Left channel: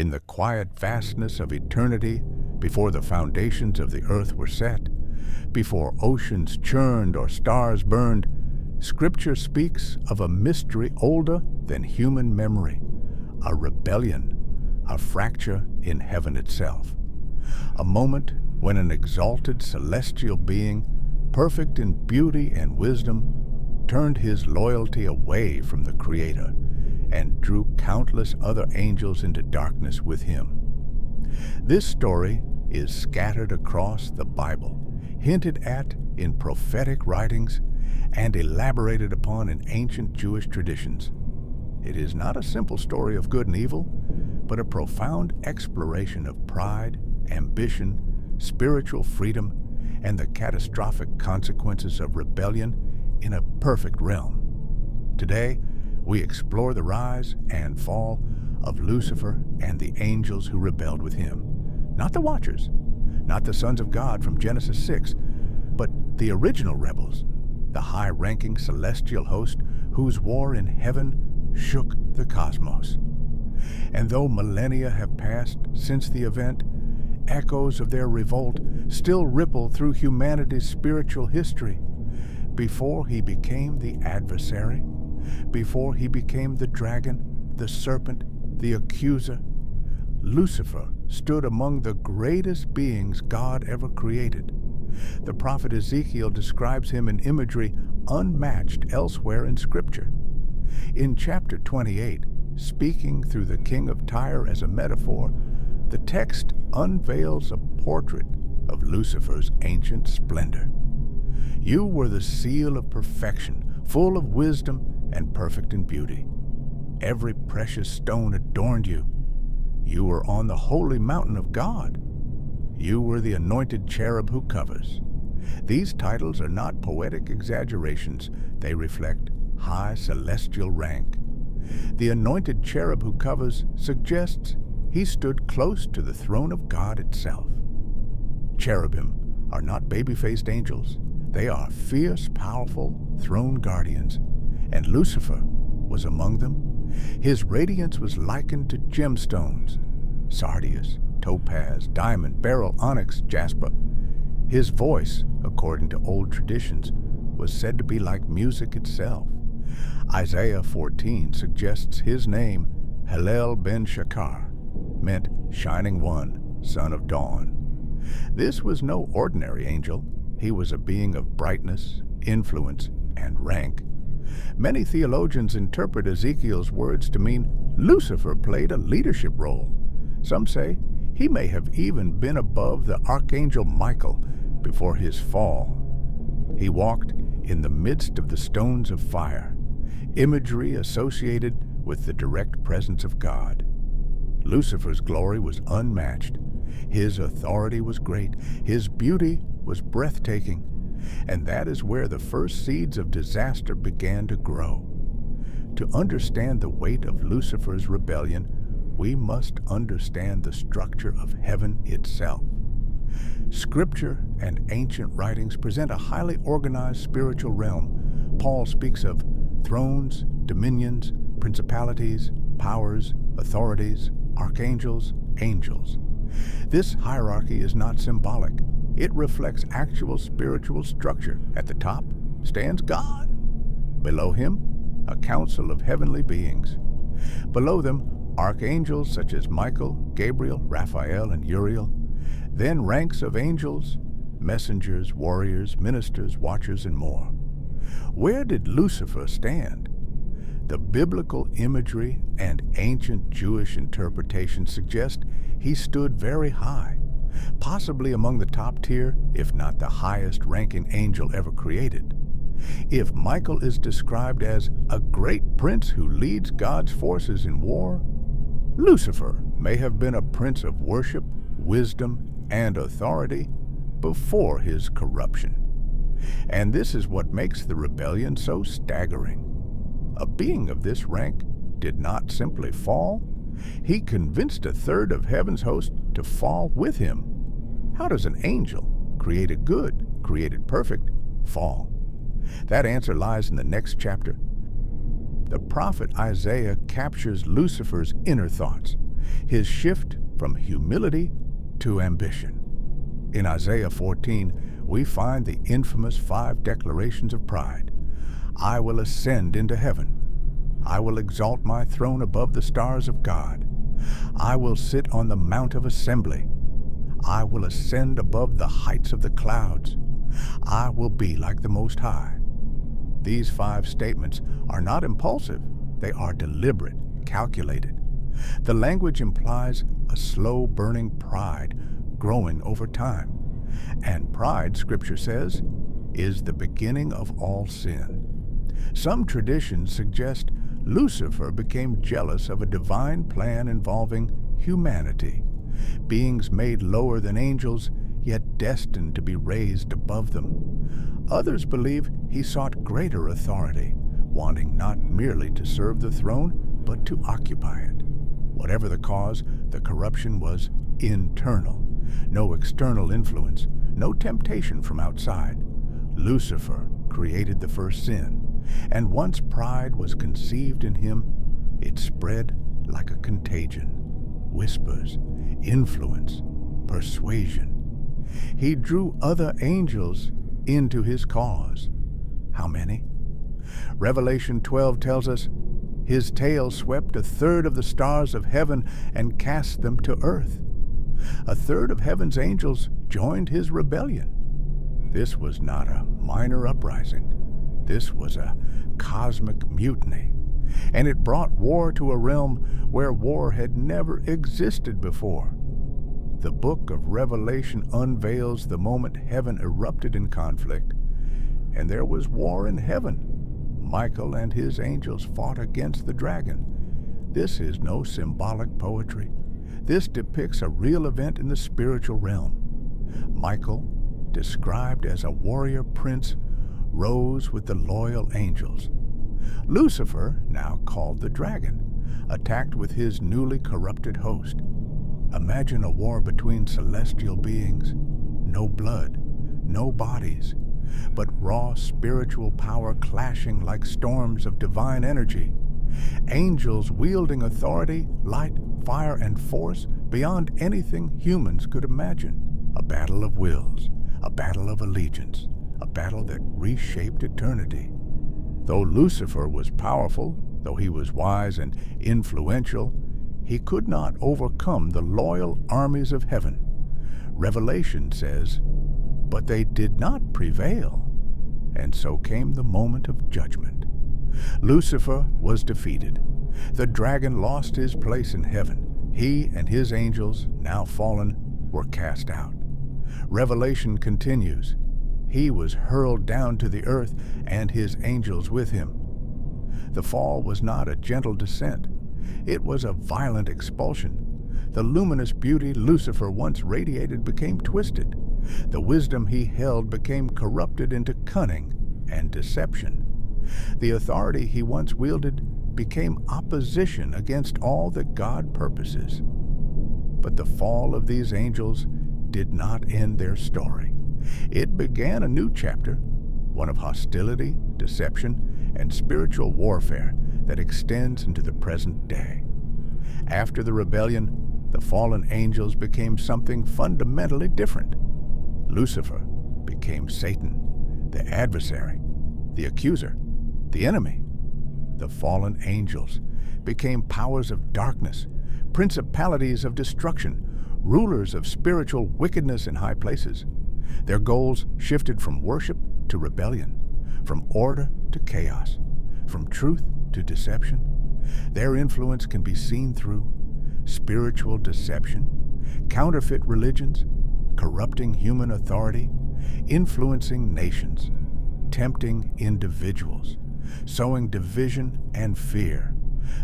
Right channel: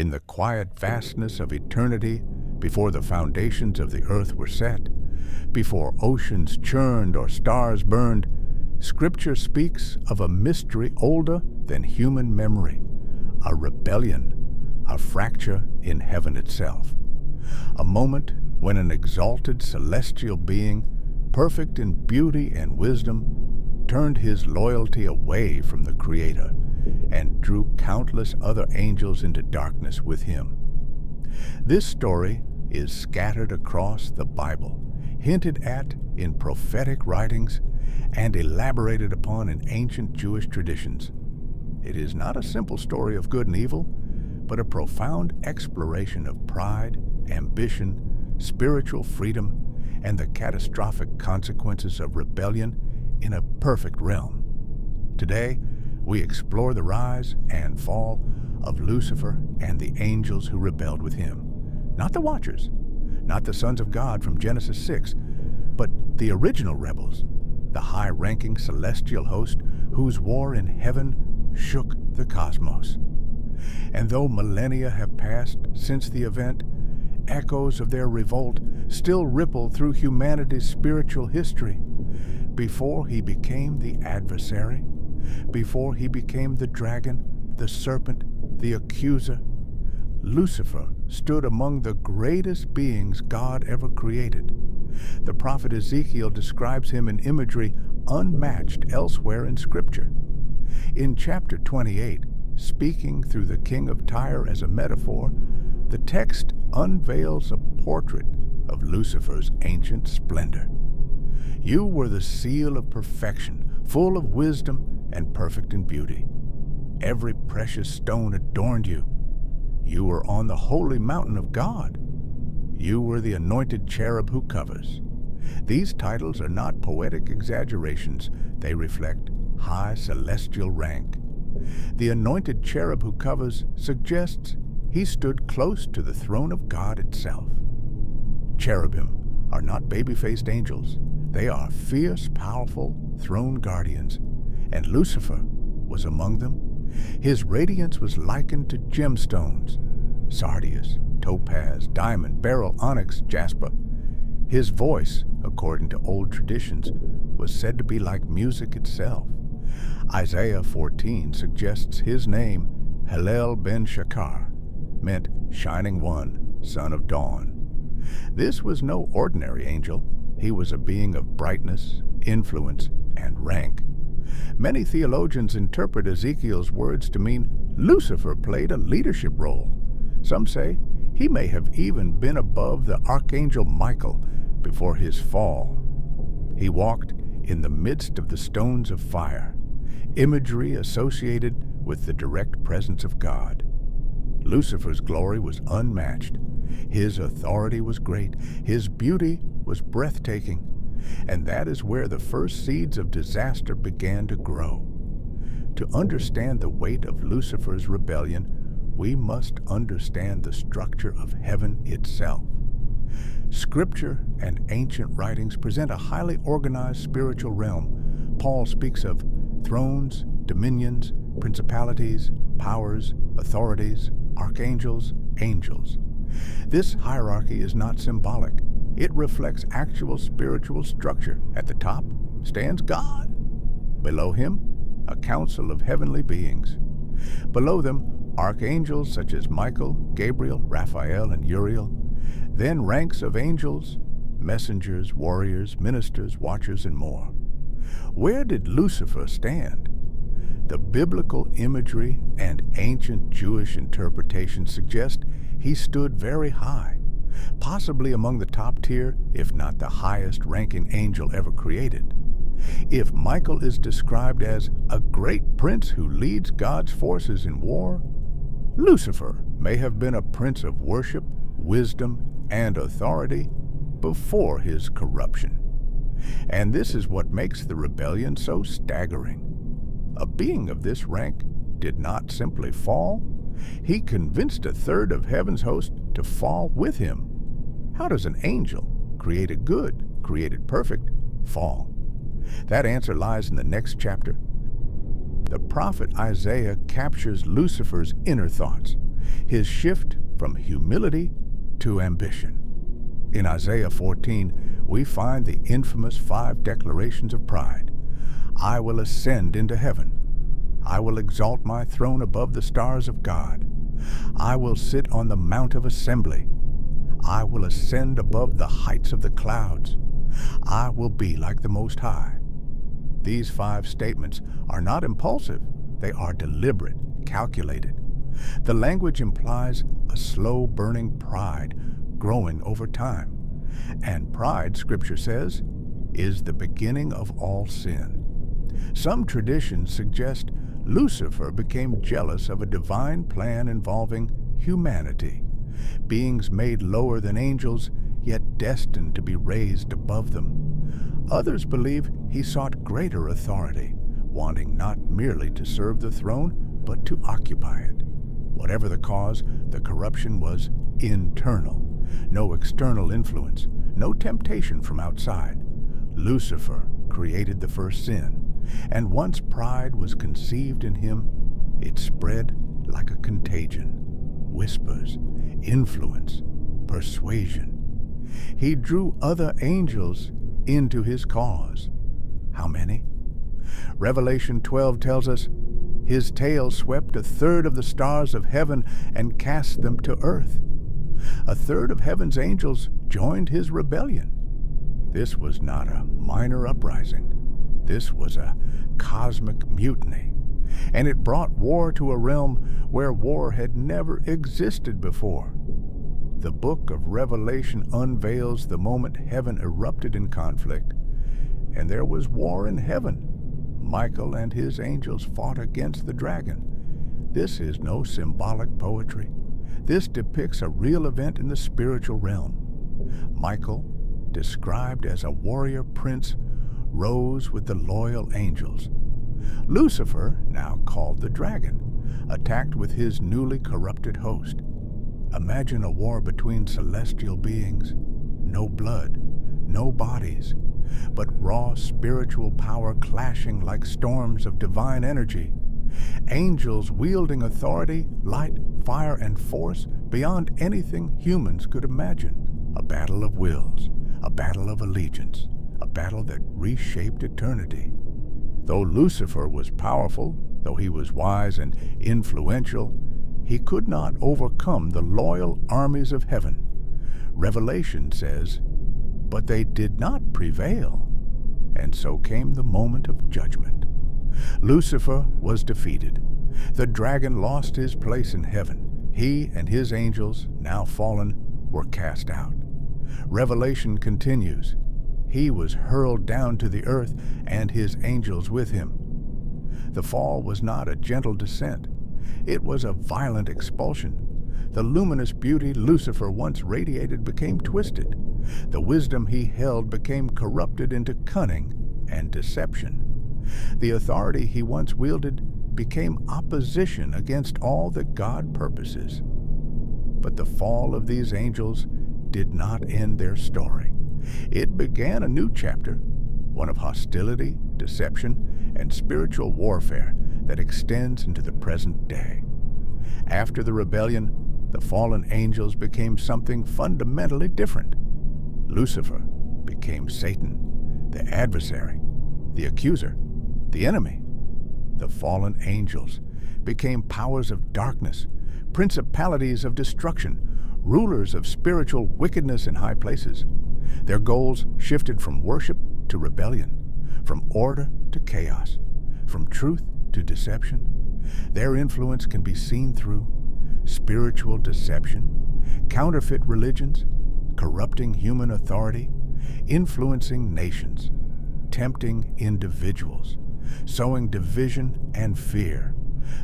in the quiet vastness of eternity, before the foundations of the earth were set, before oceans churned or stars burned, Scripture speaks of a mystery older than human memory, a rebellion, a fracture in heaven itself. A moment when an exalted celestial being, perfect in beauty and wisdom, turned his loyalty away from the Creator and drew countless other angels into darkness with him. This story is scattered across the Bible, hinted at in prophetic writings, and elaborated upon in ancient Jewish traditions. It is not a simple story of good and evil, but a profound exploration of pride, ambition, spiritual freedom, and the catastrophic consequences of rebellion in a perfect realm. Today, we explore the rise and fall of Lucifer and the angels who rebelled with him. Not the Watchers, not the sons of God from Genesis 6, but the original rebels, the high-ranking celestial host whose war in heaven shook the cosmos. And though millennia have passed since the event, echoes of their revolt still ripple through humanity's spiritual history. Before he became the adversary, before he became the dragon, the serpent, the accuser, Lucifer stood among the greatest beings God ever created. The prophet Ezekiel describes him in imagery unmatched elsewhere in Scripture. In chapter 28, speaking through the king of Tyre as a metaphor, the text unveils a portrait of Lucifer's ancient splendor. You were the seal of perfection, full of wisdom and perfect in beauty. Every precious stone adorned you. You were on the holy mountain of God. You were the anointed cherub who covers. These titles are not poetic exaggerations. They reflect high celestial rank. The anointed cherub who covers suggests he stood close to the throne of God itself. Cherubim are not baby-faced angels. They are fierce, powerful throne guardians, and Lucifer was among them. His radiance was likened to gemstones, sardius, topaz, diamond, beryl, onyx, jasper. His voice, according to old traditions, was said to be like music itself. Isaiah 14 suggests his name, Hallel ben Shakar, meant shining one, son of dawn. This was no ordinary angel. He was a being of brightness, influence, and rank. Many theologians interpret Ezekiel's words to mean Lucifer played a leadership role. Some say he may have even been above the archangel Michael before his fall. He walked in the midst of the stones of fire, imagery associated with the direct presence of God. Lucifer's glory was unmatched. His authority was great. His beauty was breathtaking. And that is where the first seeds of disaster began to grow. To understand the weight of Lucifer's rebellion, we must understand the structure of heaven itself. Scripture and ancient writings present a highly organized spiritual realm. Paul speaks of thrones, dominions, principalities, powers, authorities, archangels, angels. This hierarchy is not symbolic. It reflects actual spiritual structure. At the top stands God. Below him, a council of heavenly beings. Below them, archangels such as Michael, Gabriel, Raphael, and Uriel. Then ranks of angels, messengers, warriors, ministers, watchers, and more. Where did Lucifer stand? The biblical imagery and ancient Jewish interpretation suggest he stood very high, possibly among the top tier, if not the highest-ranking angel ever created. If Michael is described as a great prince who leads God's forces in war, Lucifer may have been a prince of worship, wisdom, and authority before his corruption. And this is what makes the rebellion so staggering. A being of this rank did not simply fall. He convinced a third of heaven's host to fall with him. How does an angel, created good, created perfect, fall? That answer lies in the next chapter. The prophet Isaiah captures Lucifer's inner thoughts. his shift from humility to ambition. In Isaiah 14, we find the infamous 5 declarations of pride. I will ascend into heaven. I will exalt my throne above the stars of God. I will sit on the mount of assembly. I will ascend above the heights of the clouds. I will be like the Most High. These 5 statements are not impulsive. They are deliberate, calculated. The language implies a slow-burning pride growing over time. And pride, Scripture says, is the beginning of all sin. Some traditions suggest Lucifer became jealous of a divine plan involving humanity, beings made lower than angels, yet destined to be raised above them. Others believe he sought greater authority, wanting not merely to serve the throne, but to occupy it. Whatever the cause, the corruption was internal. No external influence, no temptation from outside. Lucifer created the first sin, and once pride was conceived in him, it spread like a contagion. Whispers, influence, persuasion. He drew other angels into his cause. How many? Revelation 12 tells us, his tail swept 1/3 of the stars of heaven and cast them to earth. 1/3 of heaven's angels joined his rebellion. This was not a minor uprising. This was a cosmic mutiny, and it brought war to a realm where war had never existed before. The book of Revelation unveils the moment heaven erupted in conflict, and there was war in heaven. Michael and his angels fought against the dragon. This is no symbolic poetry. This depicts a real event in the spiritual realm. Michael, described as a warrior prince, rose with the loyal angels. Lucifer, now called the dragon, attacked with his newly corrupted host. Imagine a war between celestial beings. No blood, no bodies, but raw spiritual power clashing like storms of divine energy. Angels wielding authority, light, fire, and force beyond anything humans could imagine. A battle of wills, a battle of allegiance, a battle that reshaped eternity. Though Lucifer was powerful, though he was wise and influential, he could not overcome the loyal armies of heaven. Revelation says, but they did not prevail, and so came the moment of judgment. Lucifer was defeated. The dragon lost his place in heaven. He and his angels, now fallen, were cast out. Revelation continues. He was hurled down to the earth, and his angels with him. The fall was not a gentle descent. It was a violent expulsion. The luminous beauty Lucifer once radiated became twisted. The wisdom he held became corrupted into cunning and deception. The authority he once wielded became opposition against all that God purposes. But the fall of these angels did not end their story. It began a new chapter, one of hostility, deception, and spiritual warfare that extends into the present day. After the rebellion, the fallen angels became something fundamentally different. Lucifer became Satan, the adversary, the accuser, the enemy. The fallen angels became powers of darkness, principalities of destruction, rulers of spiritual wickedness in high places. Their goals shifted from worship to rebellion, from order to chaos, from truth to deception. Their influence can be seen through spiritual deception, counterfeit religions, corrupting human authority, influencing nations, tempting individuals, sowing division and fear.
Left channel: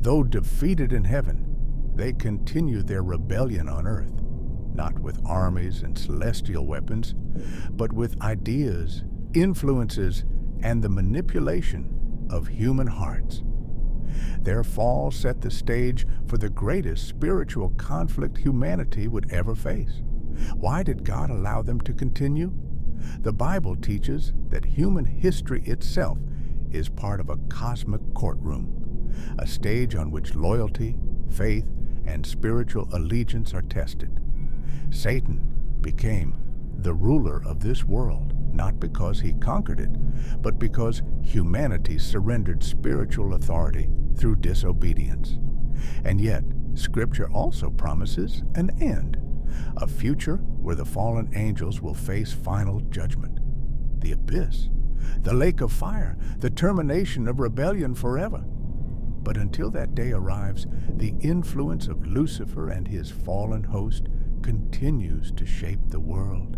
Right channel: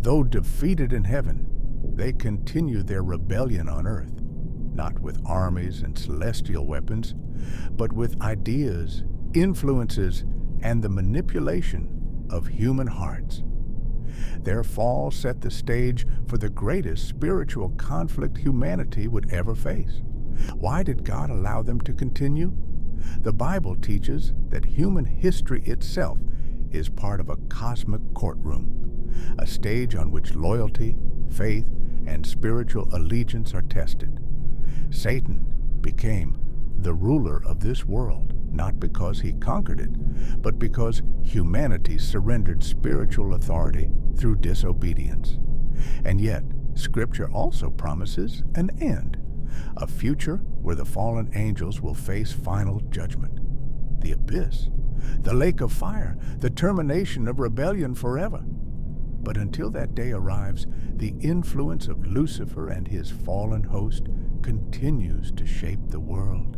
Though defeated in heaven, they continue their rebellion on earth, not with armies and celestial weapons, but with ideas, influences, and the manipulation of human hearts. Their fall set the stage for the greatest spiritual conflict humanity would ever face. Why did God allow them to continue? The Bible teaches that human history itself is part of a cosmic courtroom, a stage on which loyalty, faith, and spiritual allegiance are tested. Satan became the ruler of this world, not because he conquered it, but because humanity surrendered spiritual authority through disobedience. And yet, Scripture also promises an end, a future where the fallen angels will face final judgment. The abyss, the lake of fire, the termination of rebellion forever. But until that day arrives, the influence of Lucifer and his fallen host continues to shape the world.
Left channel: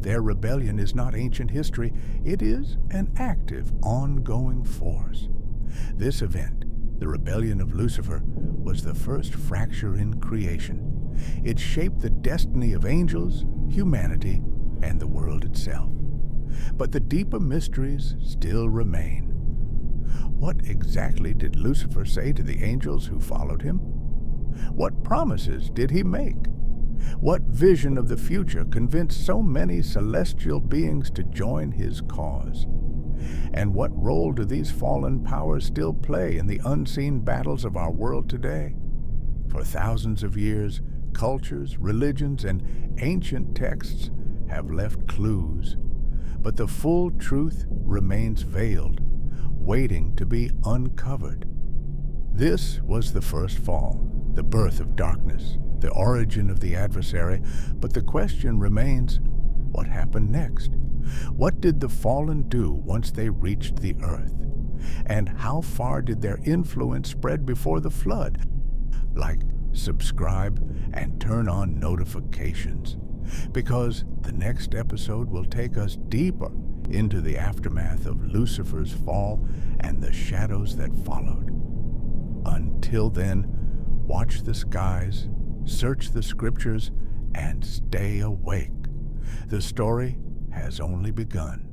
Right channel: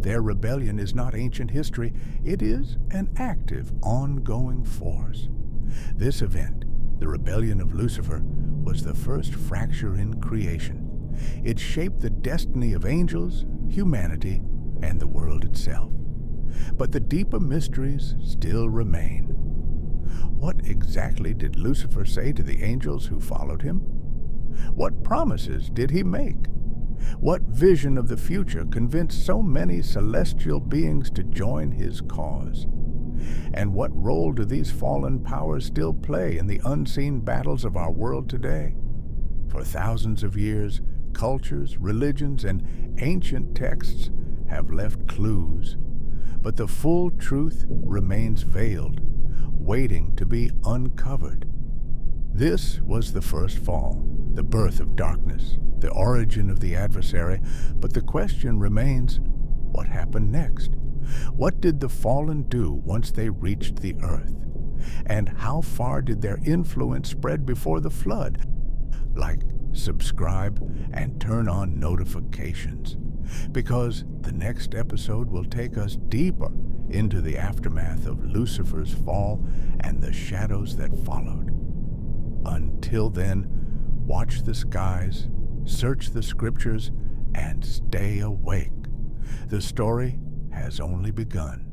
Their rebellion is not ancient history, it is an active, ongoing force. This event, the rebellion of Lucifer, was the first fracture in creation. It shaped the destiny of angels, humanity, and the world itself. But the deeper mysteries still remain. What exactly did Lucifer say to the angels who followed him? What promises did he make? What vision of the future convinced so many celestial beings to join his cause? And what role do these fallen powers still play in the unseen battles of our world today? For thousands of years, cultures, religions, and ancient texts have left clues, but the full truth remains veiled, waiting to be uncovered. This was the first fall, the birth of darkness, the origin of the adversary, but the question remains, what happened next? What did the fallen do once they reached the earth? And how far did their influence spread before the flood? Like, subscribe, and turn on notifications, because the next episode will take us deeper into the aftermath of Lucifer's fall and the shadows that followed. Until then, watch the skies, search the scriptures, and stay awake. The story has only begun.